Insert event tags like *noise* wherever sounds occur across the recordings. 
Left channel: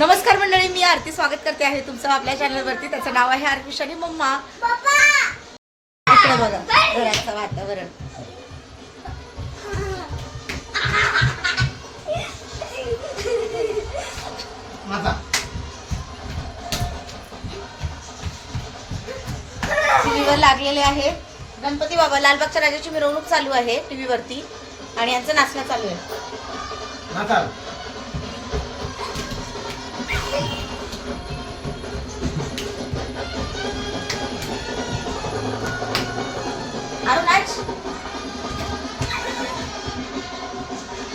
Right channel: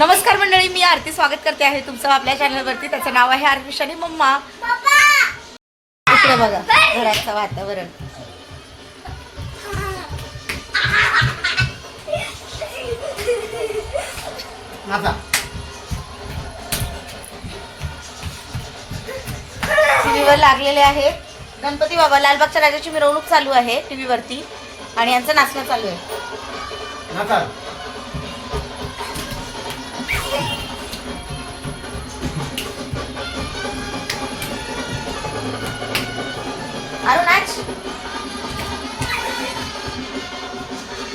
नमस्कार मंडळी मी आरती स्वागत करते आहे तुमचं आपल्या चॅनलवरती. त्याचं नाव आहे आरती मम्मा. इकडे बघा घराचं वातावरण. टीव्हीवर लागलेले आहे. गणपती बाबा लालबागच्या राजाची मिरवणूक चालू आहे टीव्हीवरती. आणि यांचं नाचणं चालू आहे. माझा अरे नाच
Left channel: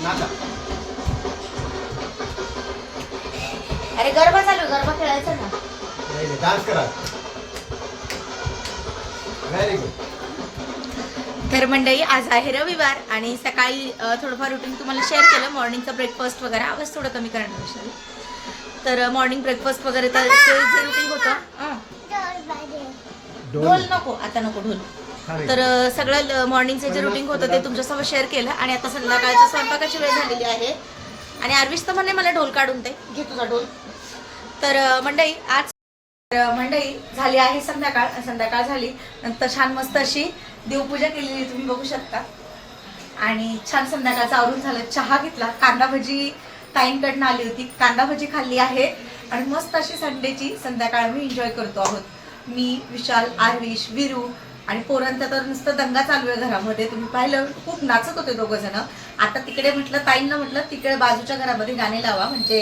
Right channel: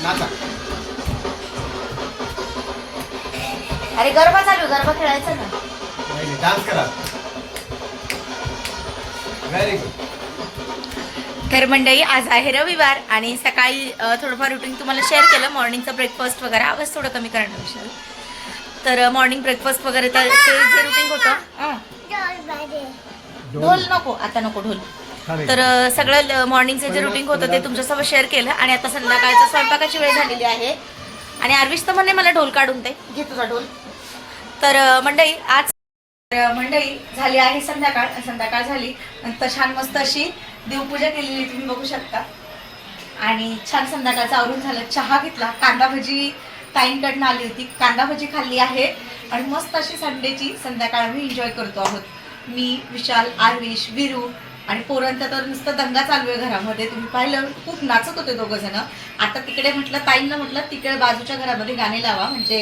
माझा अरे गरबा चालू गरबा खेळायचं ना. नाही डान्स करा. व्हेरी गुड तर मंडळी आज आहे रविवार आणि सकाळी अ, थोडंफार रुटीन तुम्हाला शेअर केलं. मॉर्निंगचं ब्रेकफास्ट वगैरे आवाज थोडं कमी करणार विशाल. तर मॉर्निंग ब्रेकफास्ट वगैरे तर ते जे रुटीन होतं अं, ढोल नको आता नको ढोल. तर सगळं मॉर्निंगचं जे रुटीन होतं ते तुमच्यासोबत शेअर केलं आणि आता संध्याकाळचं स्वयंपाकाची वेळ झालेली आहे. आणि आरवीश तर म्हणे मला ढोल काढून दे. घे तुझा ढोल. तर अ, मंडळी आज तर मंडळी झाली आहे संध्याकाळ. संध्याकाळ झाली. नंतर छान मस्त अशी देवपूजा केलेली तुम्ही बघू शकता. आणि छान संध्याकाळचं आवरून झालं. चहा घेतला. कांदा भजी ताईंकडनं आली होती. कांदा भजी खाल्ली आहे. आणि मस्त अशी संडेची संध्याकाळ आम्ही एन्जॉय करतो आहोत. मी विशाल आरविश विरू आणि पोरांचा तर नुसतं दंगा चालू आहे घरामध्ये. तुम्ही पाहिलं खूप नाचत होते दोघं जण. आता तिकडे म्हटलं ताईंना म्हटलं तिकडे बाजूच्या घरामध्ये गाणे लावा. म्हणजे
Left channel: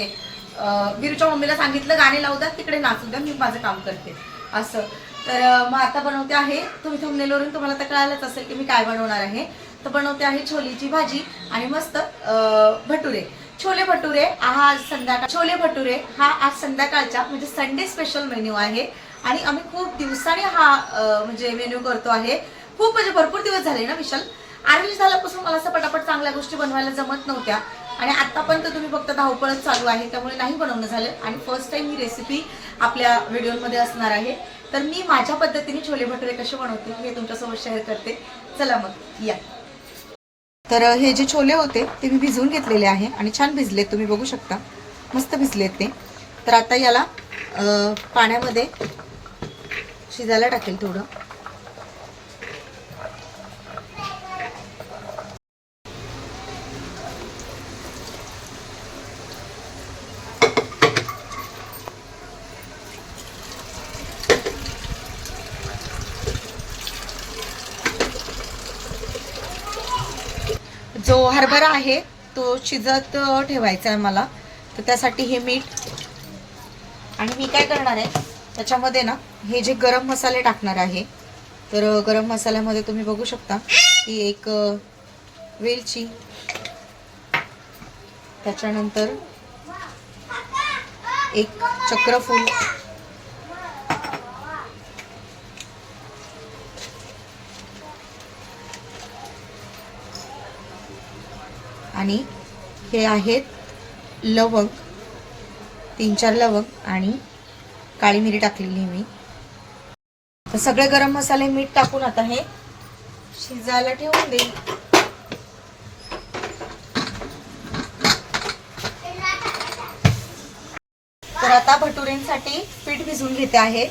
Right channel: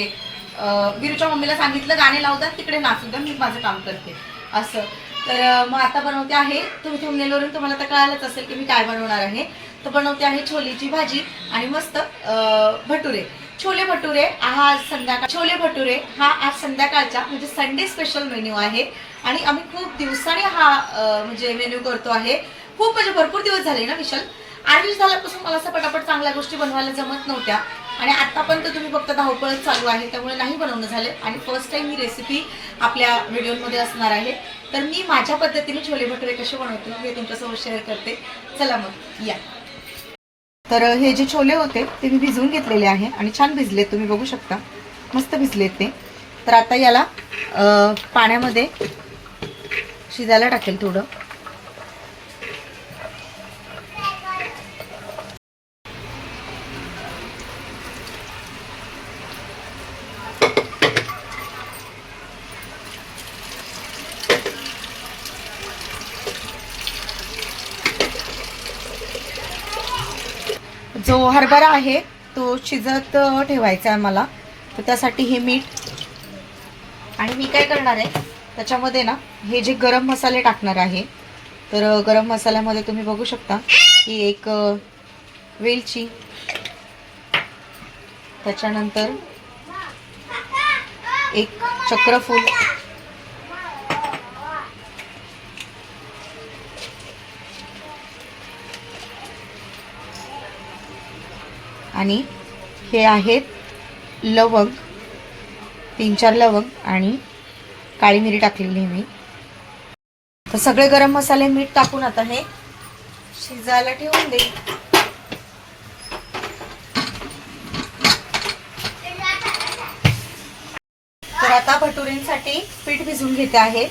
बिरूच्या मम्मीला सांगितलं गाणे लावतात तिकडे नाचू द्या मी माझं काम करते. असं. तर मग आता बनवते आहे तुम्ही थंबनेलवरून तुम्हाला तर कळालंच असेल की मी काय बनवणार आहे. तर बनवते आहे छोलीची भाजी आणि मस्त भटुरे. छोले भटुरे हा आज संध्याकाळ छोले भटुरे हा आज संध्याकाळचा म्हणजे संडे स्पेशल मेन्यू आहे. आणि आम्ही खूप दिवसांनी हा म्हणजे मेन्यू करतो आहे. खूप म्हणजे भरपूर दिवस झाले ना विशाल? आर्विश झाल्यापासून मला असं पटापट चांगल्या गोष्टी बनवायला जमत नव्हत्या. आणि आतापर्यंत तुम्ही फक्त धावपळच चालू आहे त्यामुळे नाही बनवणं झाले. आणि फर्स्ट टाइम ही रेसिपी आपल्या व्हिडिओमध्ये असणार आहे. तर मी माझ्या पद्धतीने छोले भटुरे कसे बनवते हे तुमच्यासोबत शेअर करते. चला मग या. तर हे जे छोले होते ते मी भिजवून घेतलेले आहे आणि छान भिजले तुम्ही बघू शकता. मस्त भिजलेत ते. तर आता याला पाण्यामध्ये शिजायला टाकेल थोडं. जो हरभरा आहे तो शिजत ठेवायचा आहे मला तर त्यासाठी हे मीठ. आणि मी काय करणार आहे त्याच्यामध्ये ना हे जे गरम मसाले टाकणार आहे तर गरम मसाल्यामध्ये तुम्ही बघू शकता की एक वेलची. त्याच्यानंतर एक चक्रफूल. आणि हे आहेत लवंग तीन चार लवंग आणि काळी मिरी टाकलेली मी. तर सगळे गरम मसाले मीठ टाकून आता हे शिजायला ठेवून दे तर आता भटुरेंसाठी पीठ भिजवून घेते आहे.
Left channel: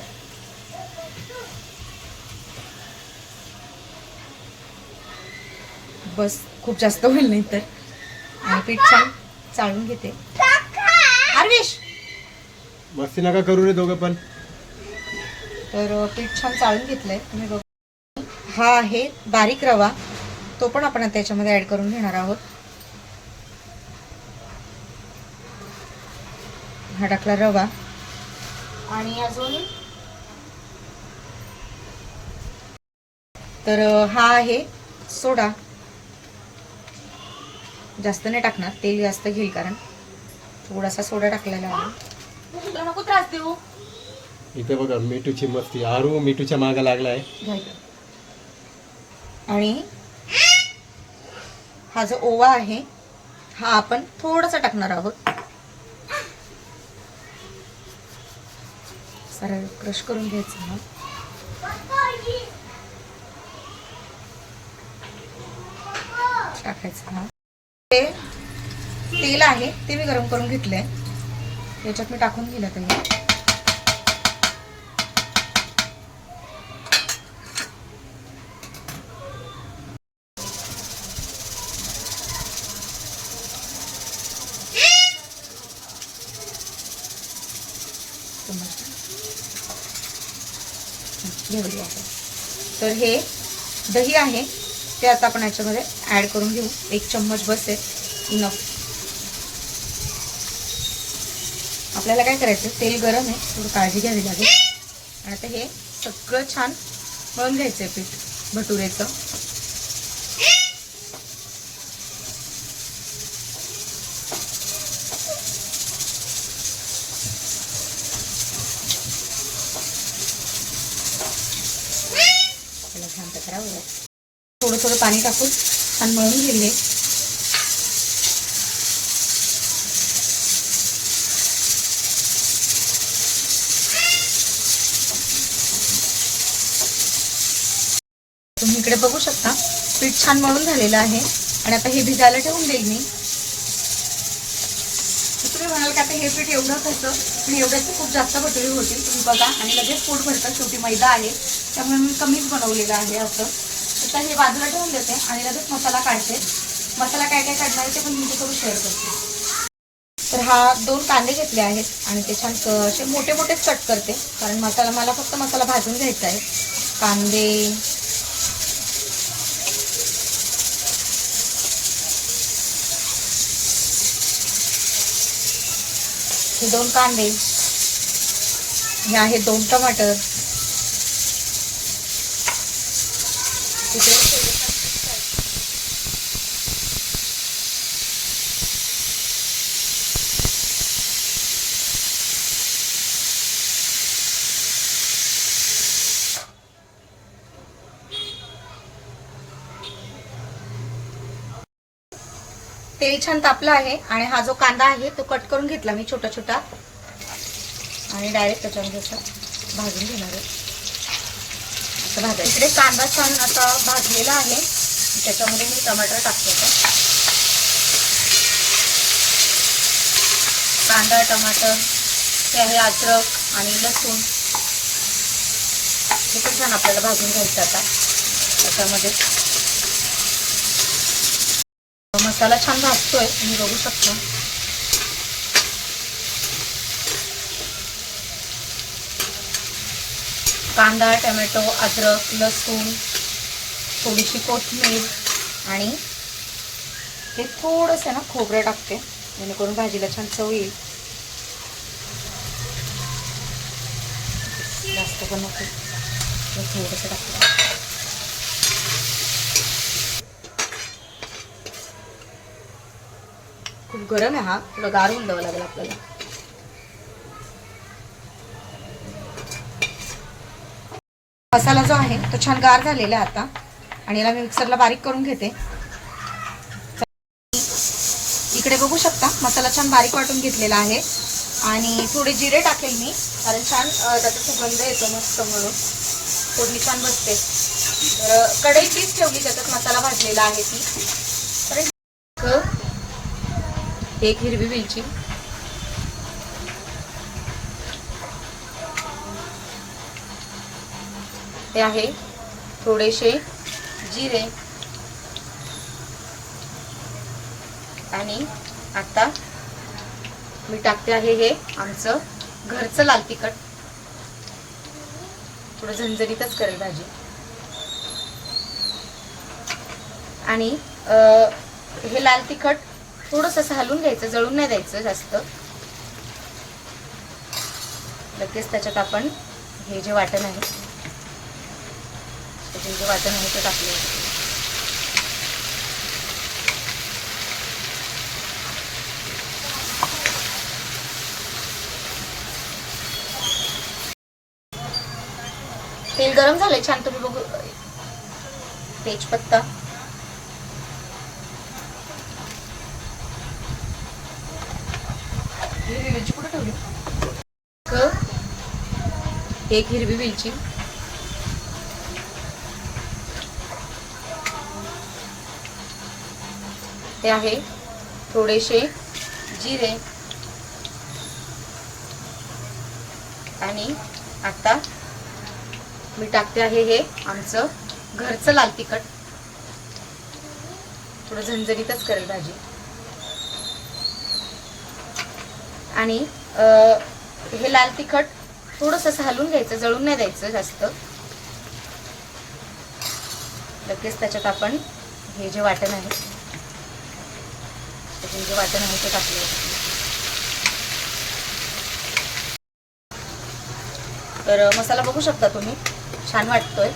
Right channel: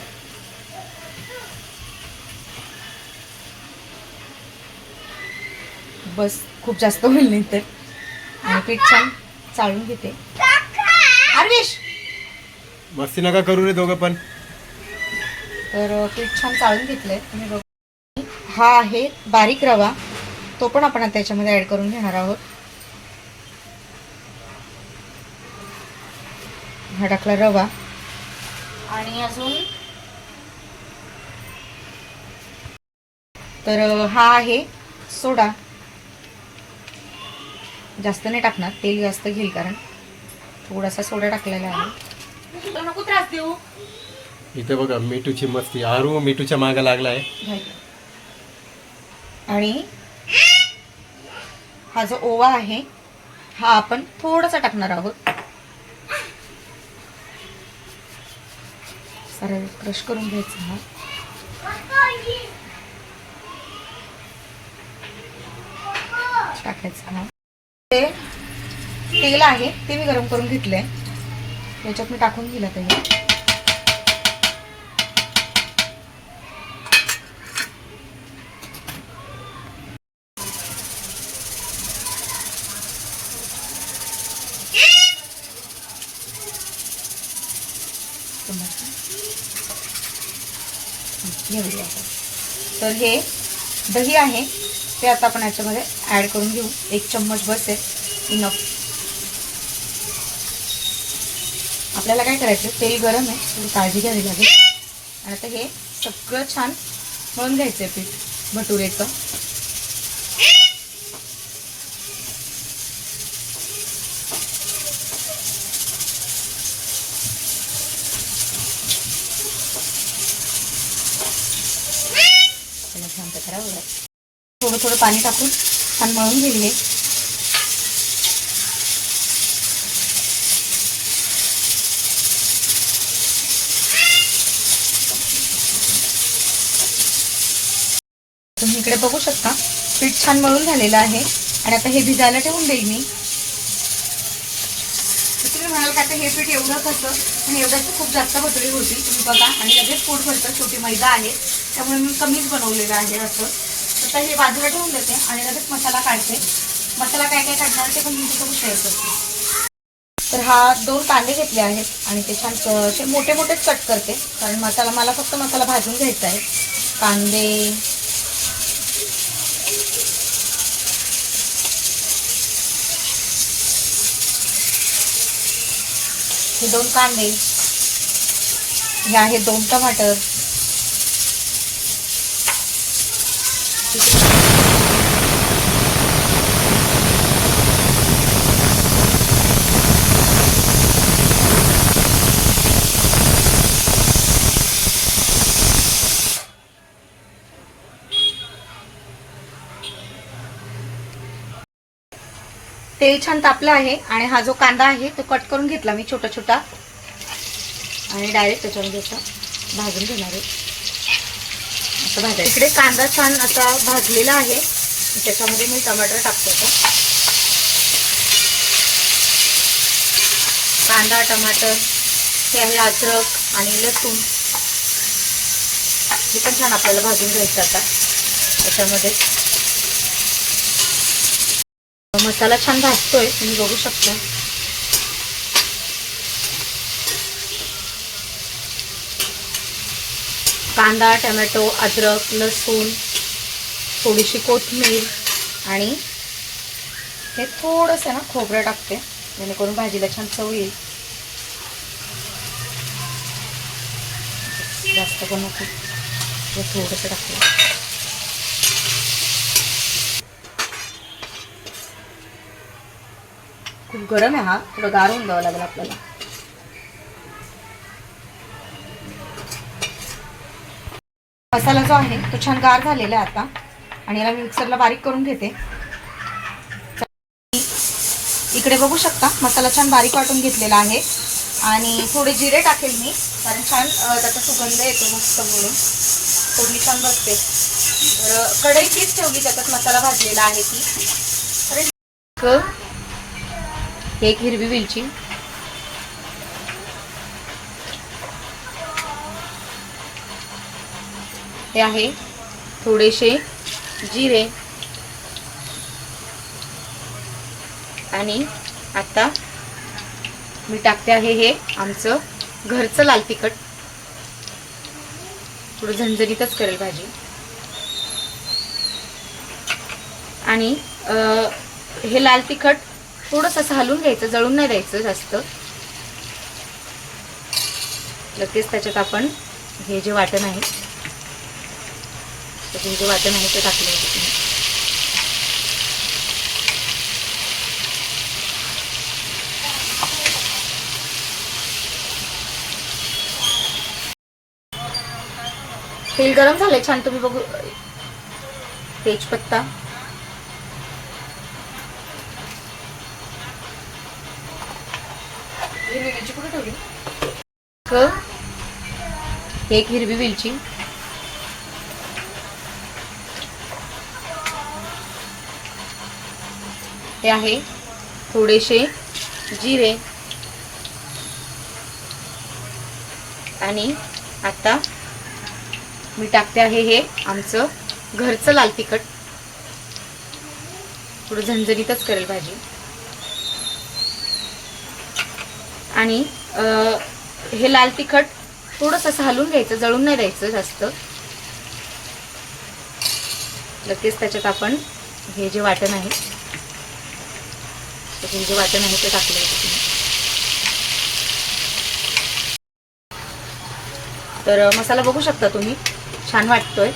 बस खूप जास्त होईल नाही तर. आणि पीठ छान चाळून घेते. आरविश मस्ती नका करू रे दोघं पण. तर पीठ छान चाळून घेतलंय. तुम्ही बघू हा आहे बारीक रवा. तो पण आपण त्याच्यामध्ये ऍड करून घेणार आहोत. हा टाकला रवा. आणि अजून तर हा आहे सोडा. जास्त नाही टाकणार. तेल जास्त घेईल कारण. थोडासा सोडा टाकलेला आहे. तुला नको त्रास देऊ. इथे बघा मिठूची मस्ती. आरू मिठूच्या मागे लागलाय. आणि हा जो ओवा आहे हा आपण थोडासा टाकणार आहोत. सारा क्रश करून घ्यायचा हा टाकायचं हा ते तेल आहे ते मी गरम करून घेतलंय. याच्यात मी टाकून दिलं ते घेऊया तर हे दही आहे. ते आता आपण याच्यामध्ये ॲड करून घेऊ. एक चम्मच बस. आहे इनफ आपल्याला काय करायचं तेल गरम आहे. थोडी काळजी घ्यावी लागेल. आणि आता हे सगळं छान मळून घ्यायचं आहे पीठ. भटुरेचं. छान शांत करावं थोडं थोडं पाणी टाकून छान मळून घेईल तुम्ही इकडे बघू शकता पीठ छान मळून झालेलं आहे. आणि आता हे भिजायला ठेवून देईल मी. तुम्ही म्हणाल का आता हे पीठ एवढं कसं पण एवढ्याच खूप जास्त भटुरी होतील तुम्ही बघा. आणि लगेच पोट भरतं शेवटी मैदा आहे. त्यामुळे मी कमीच बनवलेलं आहे असं. आता हे बाजूला ठेवून देते आणि लगेच मसाला काढते. मसाला काय काय काढणार ते पण तुमच्याकडून शेअर करते. तर हा दोन कांदे घेतले आहेत आणि ते छान असे मोठे मोठेच कट करते. कारण मसाला मला फक्त मसाला भाजून घ्यायचा आहे. कांदे. हे दोन कांदे. हे आहे दोन टमाटर. तेल छान तापलं आहे आणि हा जो कांदा आहे तो कट करून घेतला मी छोटा छोटा. आणि डायरेक्ट त्याच्यामध्ये असं भाजून घेणार आहे. असं भाजायचं. इकडे कांदा छान असा भाजलेला आहे. त्याच्यामध्ये मी टमाटर टाकते आता. कांदा टमाटर हे आहे अद्रक आणि लसूण. हे पण छान आपल्याला भाजून घ्यायचं आता. त्याच्यामध्ये. मसाला छान भाजतोय तुम्ही बघू शकता. कांदा टोमॅटो अद्रक लसूण थोडीशी कोथिंबीर आणि हे थोडंसं ना खोबरं टाकते जेणेकरून भाजीला छान चव येईल. जास्त पण नको. थोडंसं टाकलं खूप गरम आहे हा. थोडं गारून द्यावं लागेल आपल्याला. मसाला जो आहे तो छान गार झालेला आहे आता. आणि याला मी मिक्सरला बारीक करून घेते. इकडे बघू शकता मसाला छान बारीक वाटून घेतलेला आहे. आणि थोडे जिरे टाकेल मी कारण छान त्याचा सुगंध येतो मस्त म्हणून. थोडी छान बसते. तर कढई तीच ठेवली त्याच्यात मसाला भाजलेला आहे ती. एक हिरवी वेलची हे आहे. थोडेसे जिरे. आणि आता मी टाकते आहे हे आमचं घरचं लाल तिखट. थोडं झणझणीतच करेल भाजी. आणि हे लाल तिखट थोडंसं असं हलवून घ्यायचं जळून नाही द्यायचं जास्त. लगेच त्याच्यात आपण हे जे वाटण आहे त्याच्यात जे वाटण आहे ते टाकलं होतं तेल गरम झाले छान तुम्ही बघू. तेजपत्ता. एक हिरवी मिरची. हे आहे थोडेसे जिरे. आणि आता मी टाकते आहे हे आमचं घरचं लाल तिखट. थोडं झणझणीतच करेल भाजी. आणि हे लाल तिखट थोडंसं असं हलवून घ्यायचं जळून नाही द्यायचं जास्त. लगेच त्याच्यात आपण हे जे वाटण आहे त्याच्यात जे वाटण आहे ते टाकलं तर मसाला बघू शकता तुम्ही. छान वाटतोय.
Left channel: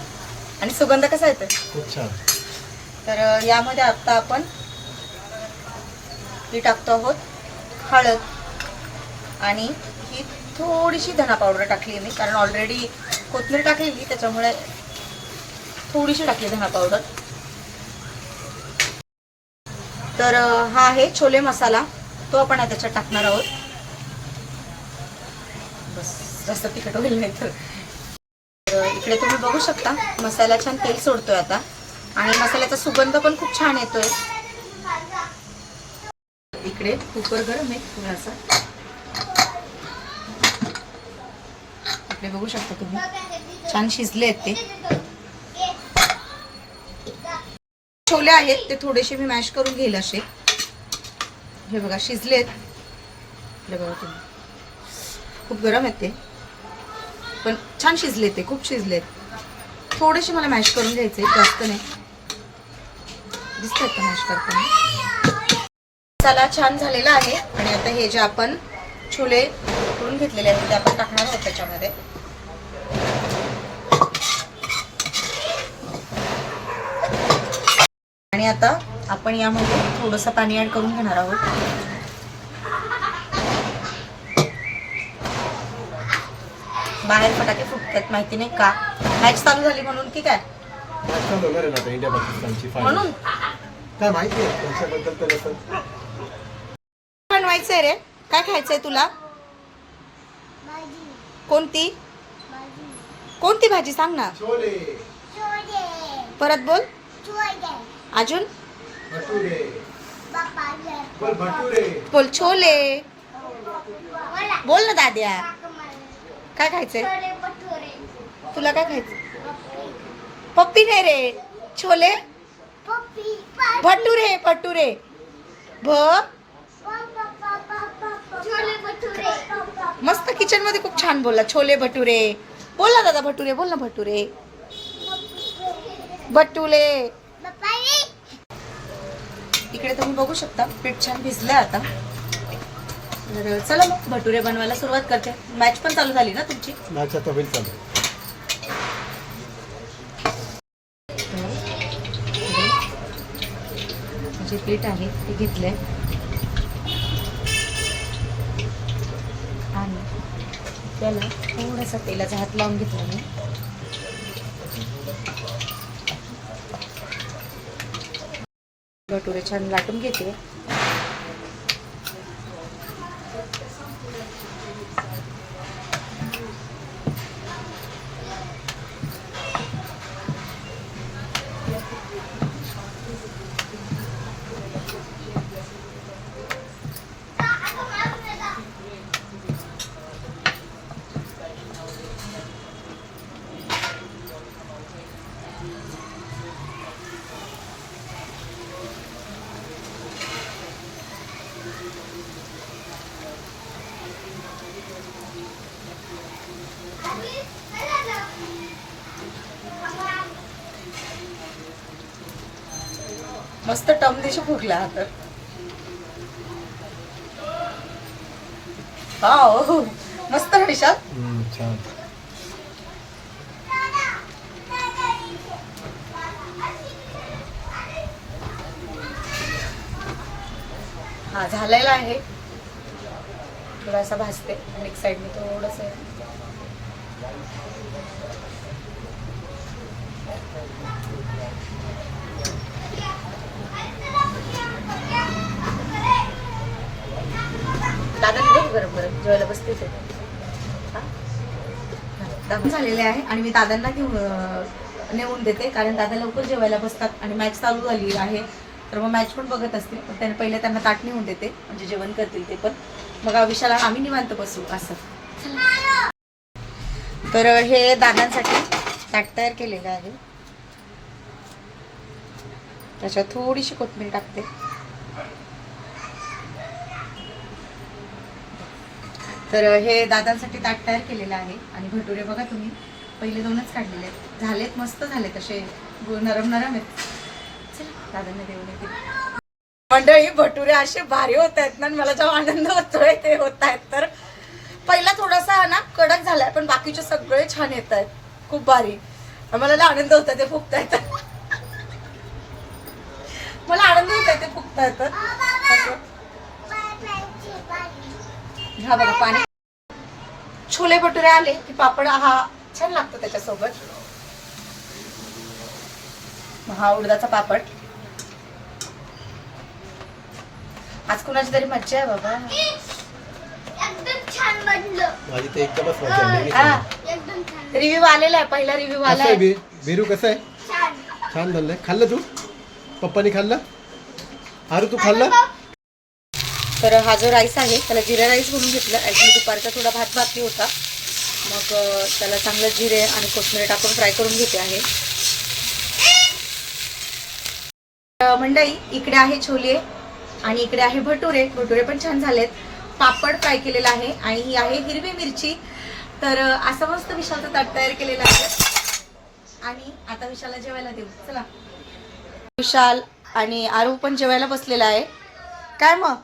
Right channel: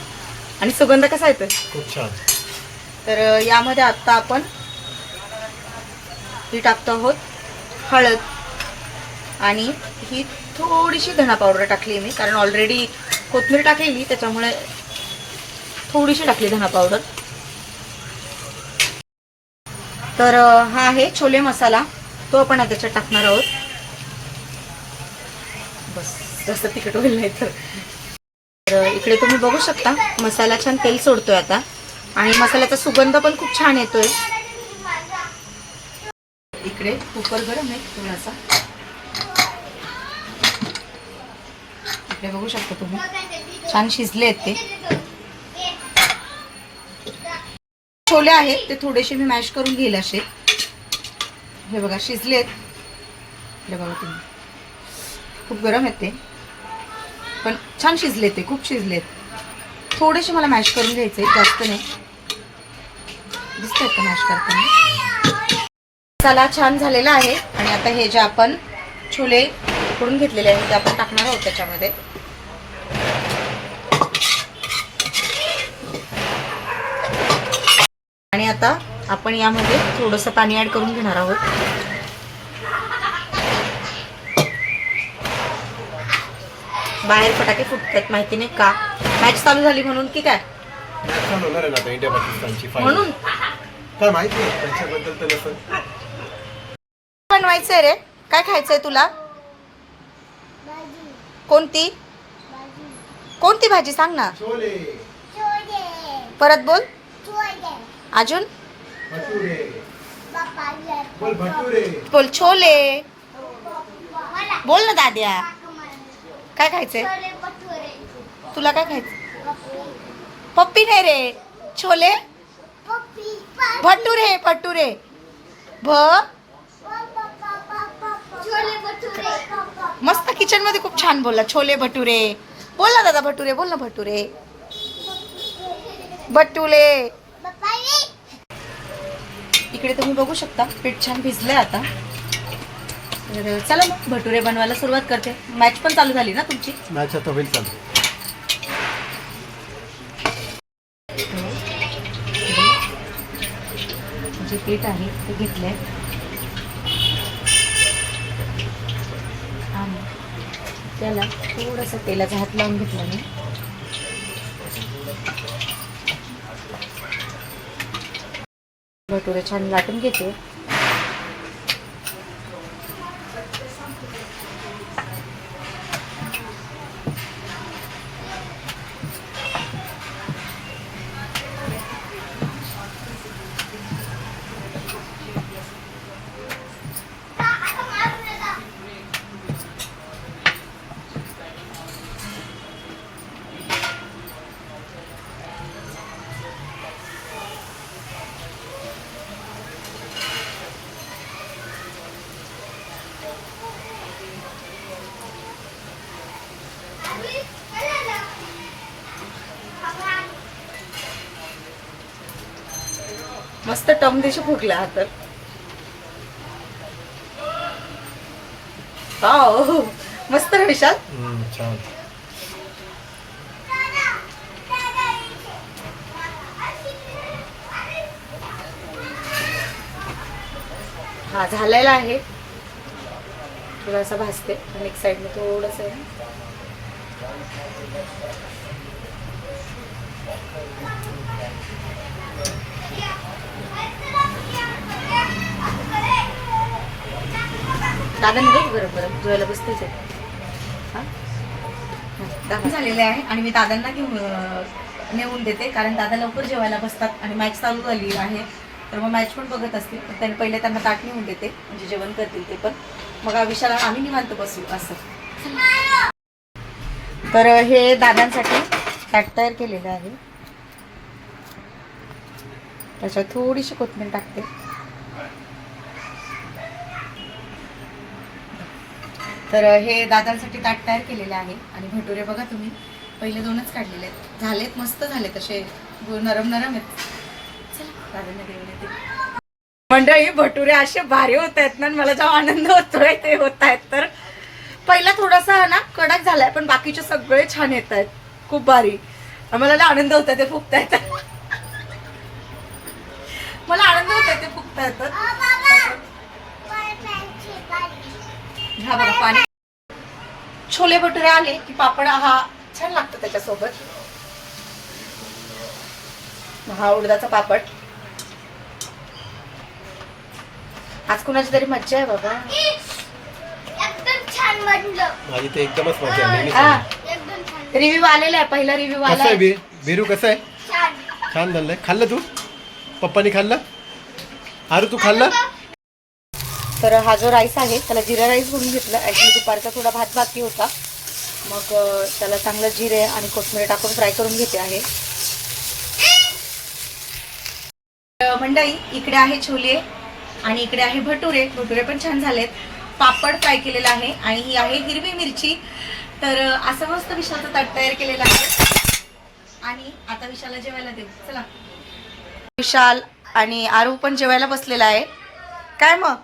आणि सुगंध कसा येतोय? खूप छान. तर यामध्ये आत्ता आपण ही टाकतो आहोत हळद. आणि ही थोडीशी धना पावडर टाकली मी कारण ऑलरेडी कोथमीर टाकलेली त्याच्यामुळे थोडीशी टाकली धना पावडर. तर हा आहे छोले मसाला. तो आपण त्याच्यात टाकणार आहोत. बस जास्त तिखट होईल नाही तर. तर इकडे तुम्ही बघू शकता मसाला छान तेल सोडतोय आता. आणि मसाल्याचा सुगंध पण खूप छान येतोय. इकडे कुकर गरम आहे थोडासा. इकडे बघू शकता तुम्ही. छान शिजले आहेत ते. छोले आहेत ते थोडेसे मी मॅश करून घेईल असे. हे बघा शिजलेत. बघा तुम्ही. खूप गरम आहेत ते. पण छान शिजले ते खूप शिजलेत. थोडेसे मला मॅश करून घ्यायचे जास्त नाही. दिसतात का मॅश करताना? मसाला छान झालेला आहे. आणि आता हे जे आपण छोले करून घेतलेले आहेत ते आपण टाकणार आहोत त्याच्यामध्ये. आणि आता आपण यामध्ये थोडंसं पाणी ऍड करून घेणार आहोत. बाहेर फटाके फुटतात माहिती नाही का? मॅच चालू झाली म्हणून की काय? मॅच चालू होणार आहे ना आता इंडिया पाकिस्तानची म्हणून? काय माहिती आहे त्यांच्याबद्दल तर नसेल बनवायचंय रे? काय खायचंय तुला? कोणती? कोणती भाजी सांग ना. छोले. परत बोल. अजून? भटुरे. बोल भटुरे. बोल छोले. बोल. ना दाद्या. काय खायचंय? तुला काय खायचं पप्पी नाही रे. छोले? भटुरे भटुरे. भ? मस्त किचनमध्ये खूप छान बोलला. छोले भटुरे. बोल ना दादा भटुरे. बोल ना भटुरे. भटुले इकडे तुम्ही बघू शकता पीठ छान भिजलं आता. चला मग भटुरे बनवायला सुरुवात करते. मॅच पण चालू झाली ना तुमची? मॅच आता होईल चालू. जे पीठ आहे ते घेतलंय. आणि त्याला थोडंसं तेलाचा हात लावून घेतला मी. भटुरे छान लाटून घेते. मस्त टम देश फुगला हा तर वाव, मस्त ना विशाल. छान. हा झालेला आहे. थोडासा भाजते. आणि एक साईडने थोडंसं आहे. दादा मी गरम गरम जेवायला बसतेच आहे झालेले आहे आणि मी दादांना घेऊन नेऊन देते कारण दादा लवकर जेवायला बसतात आणि मॅच चालू झाली आहे. तर मग मॅच पण बघत असतील. पण त्यांनी पहिले त्यांना ताट नेऊन देते म्हणजे जेवण करतील ते पण. मग विशाला आम्ही निवांत बसू असं. तर हे दादांसाठी ताट तयार केलेलं आहे. त्याच्यात थोडीशी कोथमीर टाकते. तर हे दादांसाठी ताट तयार केलेलं आहे. आणि भटुरे बघा तुम्ही पहिले दोनच काढलेले आहेत. झालेत मस्त झाले तसे नरम नरम आहेत. चला दादांना देऊन येते. मंडळी भटुरे असे भारी होत आहेत ना मला जेव्हा आनंद होतोय ते होत आहेत. तर पहिला थोडासा ना कडक झालाय पण बाकीचे सगळे छान येत आहेत. खूप भारी. मला ना आनंद होत ते फुगता येतात *laughs* मला आनंद होत ते फुगता येतात हा बघा पाणी. छोले भटुरे आले की पापड हा छान लागतो त्याच्यासोबत. हा उडदाचा पापड. आज कुणाची तरी मज्जा आहे बाबा. माझी तर एकदमच मजा आली हा. एकदम छान. रिव्ह्यू आलेला आहे पहिला रिव्ह्यू कसं आला आहे. बी? बिरू कसं आहे? छान. छान झालंय. खाल्लं तू? पप्पानी खाल्लं? अरे तू खाल्लं? तर हा जो राईस आहे त्याला जिरा राईस म्हणून घेतला. ॲक्च्युली दुपारचा थोडा भात बाकी होता. मग त्याला चांगलं जिरे आणि कोथिंबीर टाकून फ्राय करून घेते आहे. तर इकडे आहे छोले आणि इकडे आहे भटुरे. भटुरे पण छान झालेत. पापड फ्राय केलेला आहे आणि ही आहे हिरवी मिरची. तर असं मस्त विशालचं ताट तयार केलेलं आहे. आणि आता विशालला जेवायला देऊ. चला. विशाल आणि आरू पण जेवायला बसलेला आहे. काय मग?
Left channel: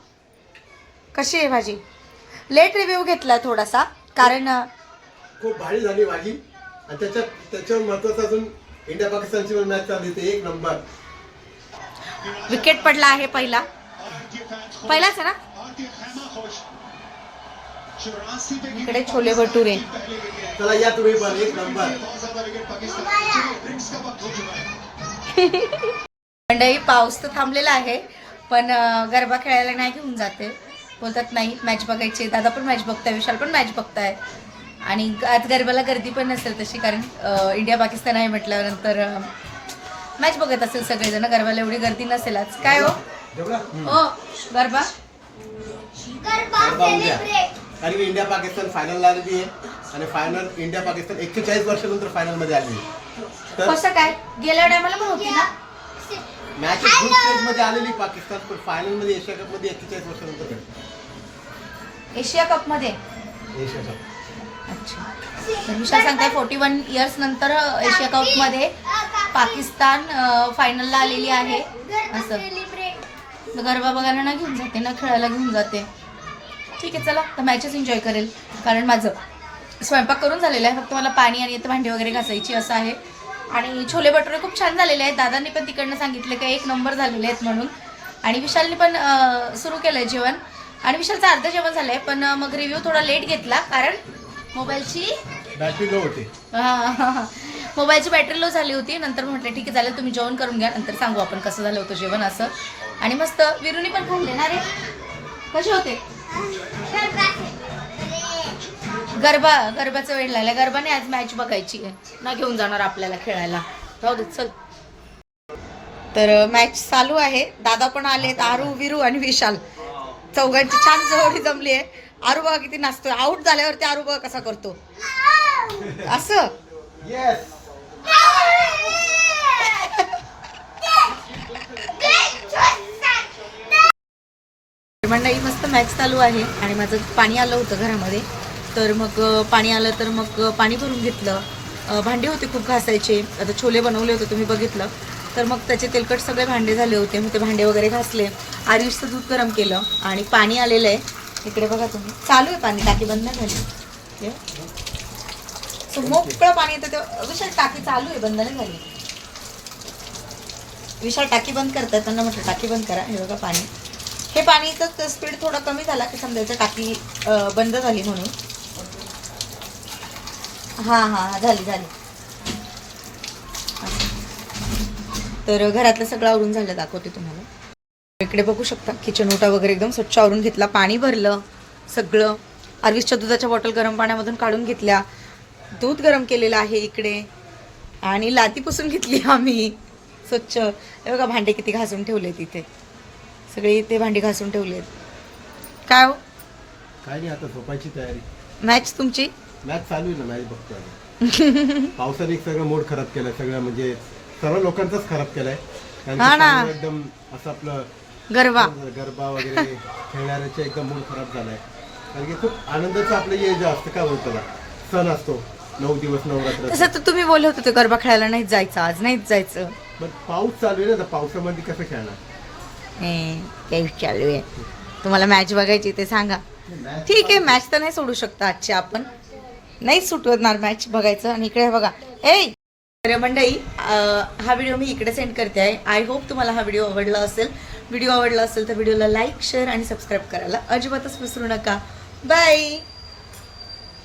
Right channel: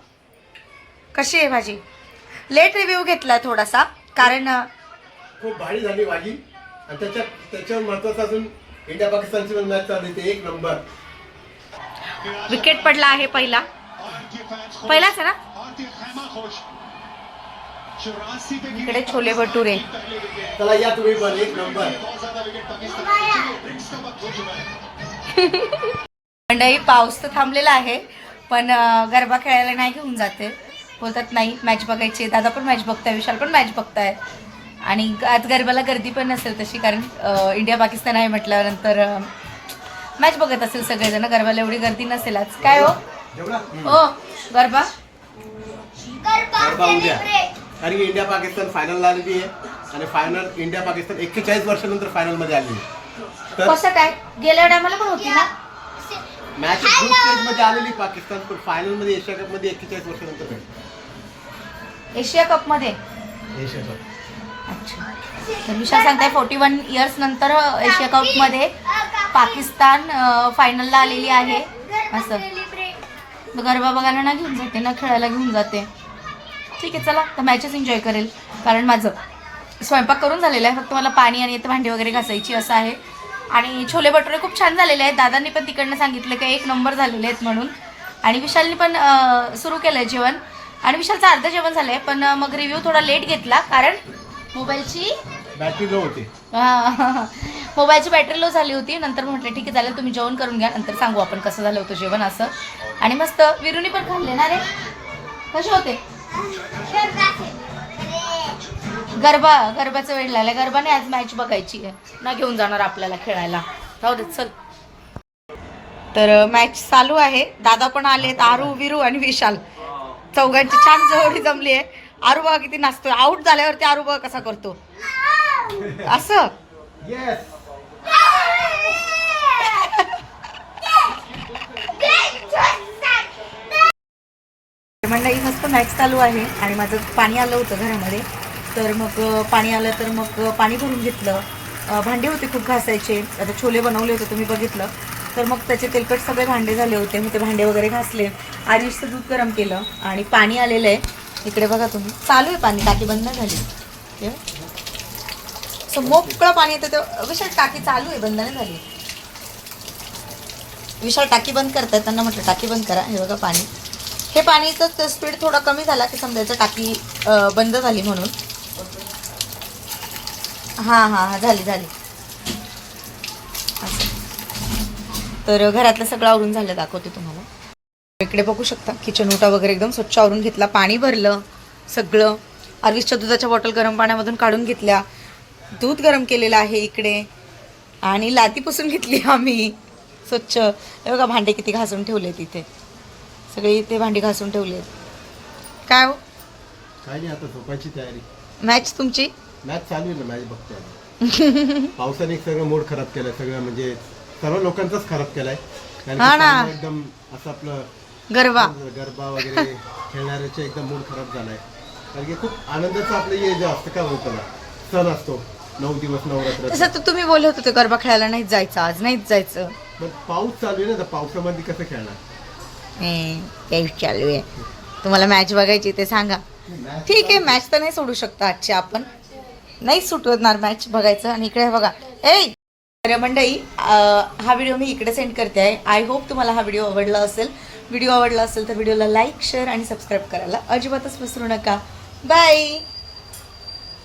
कशी आहे भाजी? लेट रिव्ह्यू घेतलाय थोडासा कारण खूप भारी झाली भाजी. आणि त्याच्यात त्याच्यावर महत्वाचं अजून इंडिया पाकिस्तानची पण मॅच चालू होती एक नंबर विकेट पडला आहे पहिला. पहिलाच आहे ना? इकडे छोले भटुरे. चला या तुम्ही पण एक नंबर *laughs* मंडळी पाऊस तर थांबलेला आहे पण गरबा खेळायला नाही घेऊन जाते. बोलतात नाही मॅच बघायची दादा पण मॅच बघताय विशाल पण मॅच बघताय. आणि आज गरबाला गर्दी पण नसेल तशी कारण इंडिया पाकिस्तान आहे म्हटल्यानंतर मॅच बघत असेल सगळेजण. गरबाला एवढी गर्दी नसेल आज. काय हो? हो गरबा? गरबा उद्या. कारण की इंडिया पाकिस्तान फायनलला आलेली आहे. आणि फायनल इंडिया पाकिस्तान एक्केचाळीस वर्षानंतर फायनलमध्ये आली आहे. तर कसं काय गेल्या टायमाला पण होती ना? मॅच ग्रुप स्टेजमध्ये आलेली पाकिस्तान पण फायनलमध्ये एशिया कपमध्ये एक्केचाळीस वर्षानंतर भेटली एशिया कपमध्ये? एशिया कप अच्छा. तर विशाल सांगताय फोर्टी वन इयर्स नंतर एशिया कपमध्ये पाकिस्तान फायनलला आलेली आहे. असं. गरबा बघायला ना घेऊन जाते ना खेळायला घेऊन जाते. ठीक आहे चला. तर मॅचेस एन्जॉय करेल. कारण माझं स्वयंपाक करून झालेला आहे. फक्त मला पाणी आणि इथं भांडी वगैरे घासायची असं आहे. आणि छोले भटुरे खूप छान झालेले आहेत. दादांनी पण तिकडनं सांगितलं की एक नंबर झालेले आहेत म्हणून. आणि विशालनी पण सुरू केलं आहे जेवण. आणि विशालचं अर्ध जेवण झालं आहे पण मग रिव्ह्यू थोडा लेट घेतला कारण मोबाईलची बॅटरी लो होती. हा. मोबाईलची बॅटरी लो झाली होती. नंतर म्हटलं ठीक आहे चालेल तुम्ही जेवण करून घ्या. नंतर सांगू आपण कसं झालं होतं जेवण असं. आणि मस्त विरुनी पण खाल्ले ना रे? कसे होते? गरबा गरब्याचा वेळ लागला. गरबाने आज मॅच बघायची आहे. ना घेऊन जाणार आपल्याला खेळायला. राहू दे चल. तर मॅच चालू आहे. दादा पण आलेत आरू विरू आणि विशाल. चौघांची छान जोडी जमली आहे. आरू बघा किती नाचतोय. आऊट झाल्यावरती आरू बघा कसा करतो. असं? *laughs* येस मंडळी मस्त मॅच चालू आहे. आणि माझं पाणी आलं होतं घरामध्ये. तर मग पाणी आलं तर मग पाणी भरून घेतलं. भांडे होते खूप घासायचे. आता छोले बनवले होते तुम्ही बघितलं. तर मग त्याचे तेलकट सगळे भांडे झाले होते. मी ते भांडे वगैरे घासले. आरिशचं दूध गरम केलं आणि पाणी आलेलं आहे. इकडे बघा तुम्ही. चालू आहे पाणी. टाकी बंद नाही झाली. हे. मोकळं पाणी येतं ते. विशाल टाकी चालू आहे. बंद नाही झाली. विशाल टाकी बंद करतायत. त्यांना म्हटलं टाकी बंद करा. हे बघा पाणी. हे पाणीचं स्पीड थोडा कमी झाला की समजायचं टाकी बंद झाली म्हणून. हां हां हां झाली झाली. तर घरातलं सगळं आवरून झालं दाखवते तुम्हाला. इकडे बघू शकता किचन ओटा वगैरे एकदम स्वच्छ आवरून घेतला पाणी भरलं सगळं. आर्विसच्या दुधाच्या बॉटल गरम पाण्यामधून काढून घेतल्या. दूध गरम केलेलं आहे इकडे. आणि लादी पुसून घेतली आम्ही. स्वच्छ. हे बघा भांडे किती घासून ठेवले तिथे सगळी ते भांडी घासून ठेवली काय हो? काय नाही आता झोपायची तयारी. मॅच तुमची? मॅच चालू आहे ना मॅच बघतोय. आता. *laughs* पावसाने सगळं मूड खराब केलाय सगळं म्हणजे सर्व लोकांचाच खराब केलाय. कारण की हा ना. एकदम असं आपलं गरबा. गरबा वगैरे खेळणाऱ्याचा एकदम मूड खराब झालाय. कारण की खूप आनंदाचं आपलं हे जे असतं काय बोलतो त्याला सण असतो नऊ दिवस नवरात्र तसं तर तुम्ही बोलत होते गरबा खेळायला नाहीच जायचं आज नाहीच जायचं. पण पाऊस चालू आहे ना तर पावसामध्ये कसं खेळणार? तेच चालू आहे. तुम्हाला मॅच बघायची ते सांगा. ठीक आहे मॅच तर नाही सोडू शकता आजची आपण. नाही सुटणार मॅच बघायचं. आणि इकडे बघा. ए तर मंडई हा व्हिडिओ मी इकडे सेंड करते आहे. आय होप तुम्हाला हा व्हिडिओ आवडला असेल. व्हिडिओ आवडला असेल तर व्हिडिओला लाईक शेअर आणि सबस्क्राईब करायला अजिबातच विसरू नका. बाय